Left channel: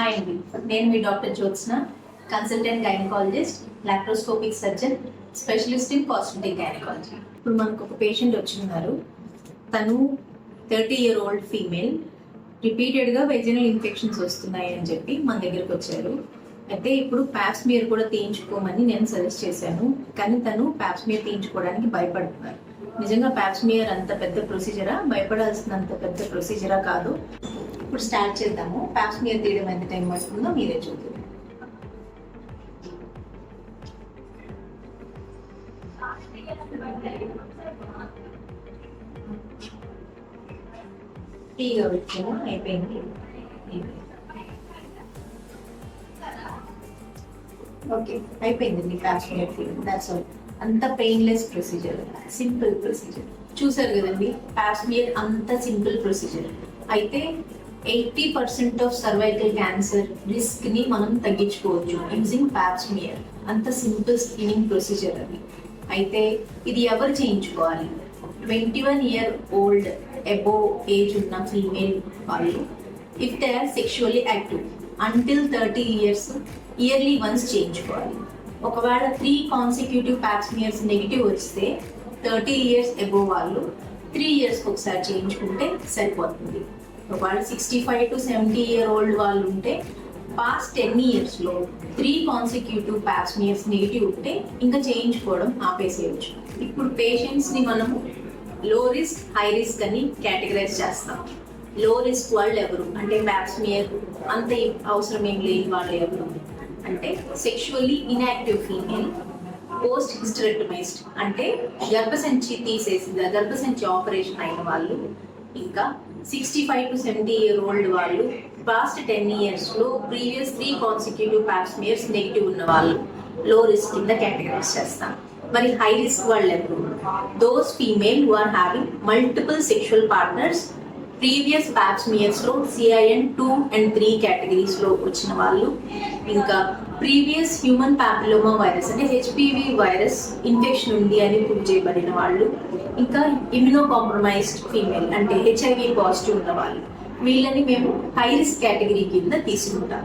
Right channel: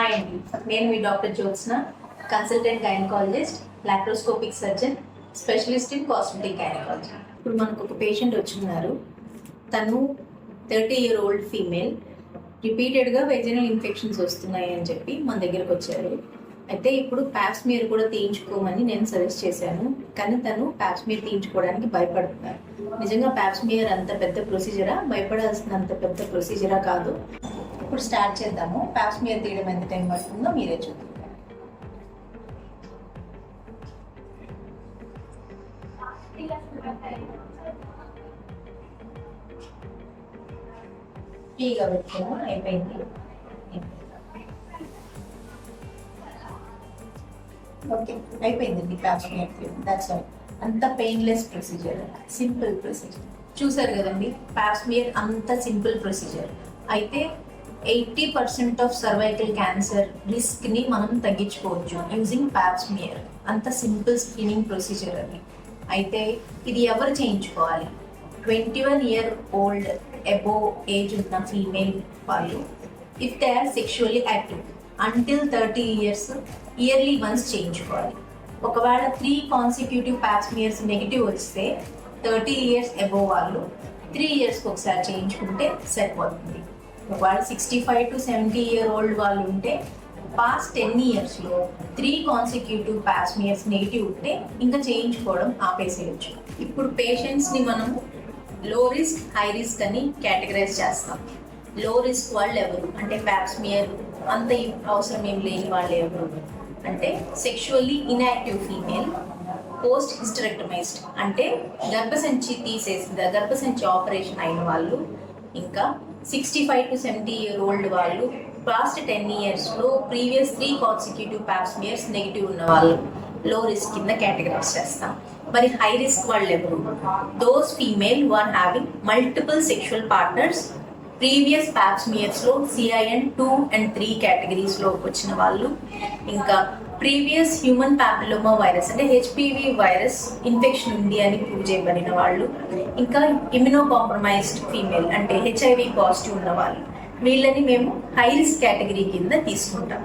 Hi అండి, నేను మీ doctor Jyotsna, consultant gynaecologist, laparoscopic surgeon, specialist in cosmetic gynaecology. ఇప్పుడు మనకు ఒక పేషెంట్ వచ్చిన్నారు. తను 30-year-old ఫీమేల్. రిపీటెడ్గా వెజనల్ ఇన్ఫెక్షన్స్ వస్తున్నాయి అని చెప్పి మన దగ్గరకు వచ్చారు. అయితే ఇప్పుడు ప్యాప్స్మియర్ కూడా తీయించుకోమని నేను సజెస్ట్ చేశాను, కానీ తను ప్యాప్స్మియర్ తీయించుకోవడానికి భయపడుతున్నారు. నిజంగా ప్యాప్స్మియర్ అంత పెద్ద ప్రొసీజరా? భయపడాల్సినంత పెద్ద ప్రొసీజరా కాదు. ఇప్పుడు స్టార్ట్ చేద్దాము. ప్యాప్స్మియర్ తీయడం ఎంత టైం పడుతుందో మీరే చూద్దాం. టీగా పెట్టాము, అయిపోయింది. ఓకే, అయిపోయిందండి ప్యాప్స్మియర్ తీయడం. That's all. అంత పెయిన్లెస్ ప్రొసీజర్, సింపుల్ ప్రొసీజర్. చూసారు కదండి, ప్యాప్స్మియర్ అంత సింపుల్ ప్రొసీజర్. అయితే 80% ఆఫ్ సర్వైకల్ క్యాన్సర్ రిస్క్ ని మనం తగ్గించుకోవచ్చు యూజింగ్ ప్యాప్స్మియర్. అంత సింపుల్ స్క్రీనింగ్ ప్రొసీజర్ అది. అయితే ఇది ఎవరు చేయించుకోవాలి? 21-year-old అబోవ్ ఏజ్ ఉన్న ఫీమేల్ వాళ్ళు, if they are sexually active until 30 years yearly once చేయించుకోవాలి. ఒకవేళ 3 consecutive ప్యాప్స్మియర్స్ నెగిటివ్ వస్తే 30 years అబోవ్ వాళ్ళు 3 yearsకి ఒకసారి చేయించుకుంటే సరిపోతుంది. ఒకవేళ 65 to 70-year-old వాళ్ళు ఉంటే పాస్ట్ 10 yearsలో 3 consecutive ప్యాప్స్మియర్స్ నెగిటివ్ ఉంటే ఇంకా చేయించుకోవడం ఆపేసేయచ్చు. ఇప్పుడు పేషెంట్స్ని మనము లో రిస్క్, హై రిస్క్ అని కేటగరైజ్ చేస్తాం. లో రిస్క్ వాళ్ళు ఎవరు అంటే ప్యాప్స్మియర్ అంత అవసరం ఏం లేని వాళ్ళు ఎవరు అంటే సెక్షువల్లీ ఇన్యాక్టివ్ ఫీమేల్, పోస్ట్ హిస్టరెక్టమైజ్డ్ అంటే గర్భసంచి ఆపరేషన్ అయిన వాళ్ళు, ఇంకా 65 to 70-year-old వాళ్ళు past 10 yearsలో previous 3 consecutive Pap smears negative ఉన్న వాళ్ళు లో రిస్క్ కింద కేటగరైజ్ చేస్తాం. మరి హై రిస్క్ వాళ్ళు ఎవరు? Those female who are having multiple sexual partners, previous ప్యాప్స్మియర్స్లో CIN 2 and 3 కేటగిరీస్లో వచ్చిన వాళ్ళు, ఇంకా ప్రీవియస్ హ్యూమన్ ప్యాపిలోమా వైరస్ అంటే HPV వైరస్ ఇన్ఫెక్షన్ ఉంది అని ప్రూవ్ చేయబడిన వాళ్ళు, ఇంకా ఇమ్యూనో కాంప్రమైజ్డ్ ఫీమేల్ అంటే HIV పాజిటివ్ ఉన్న వాళ్ళు. వీళ్ళని మేము హై రిస్క్ కేటగిరీ కింద తీసుకుంటాం.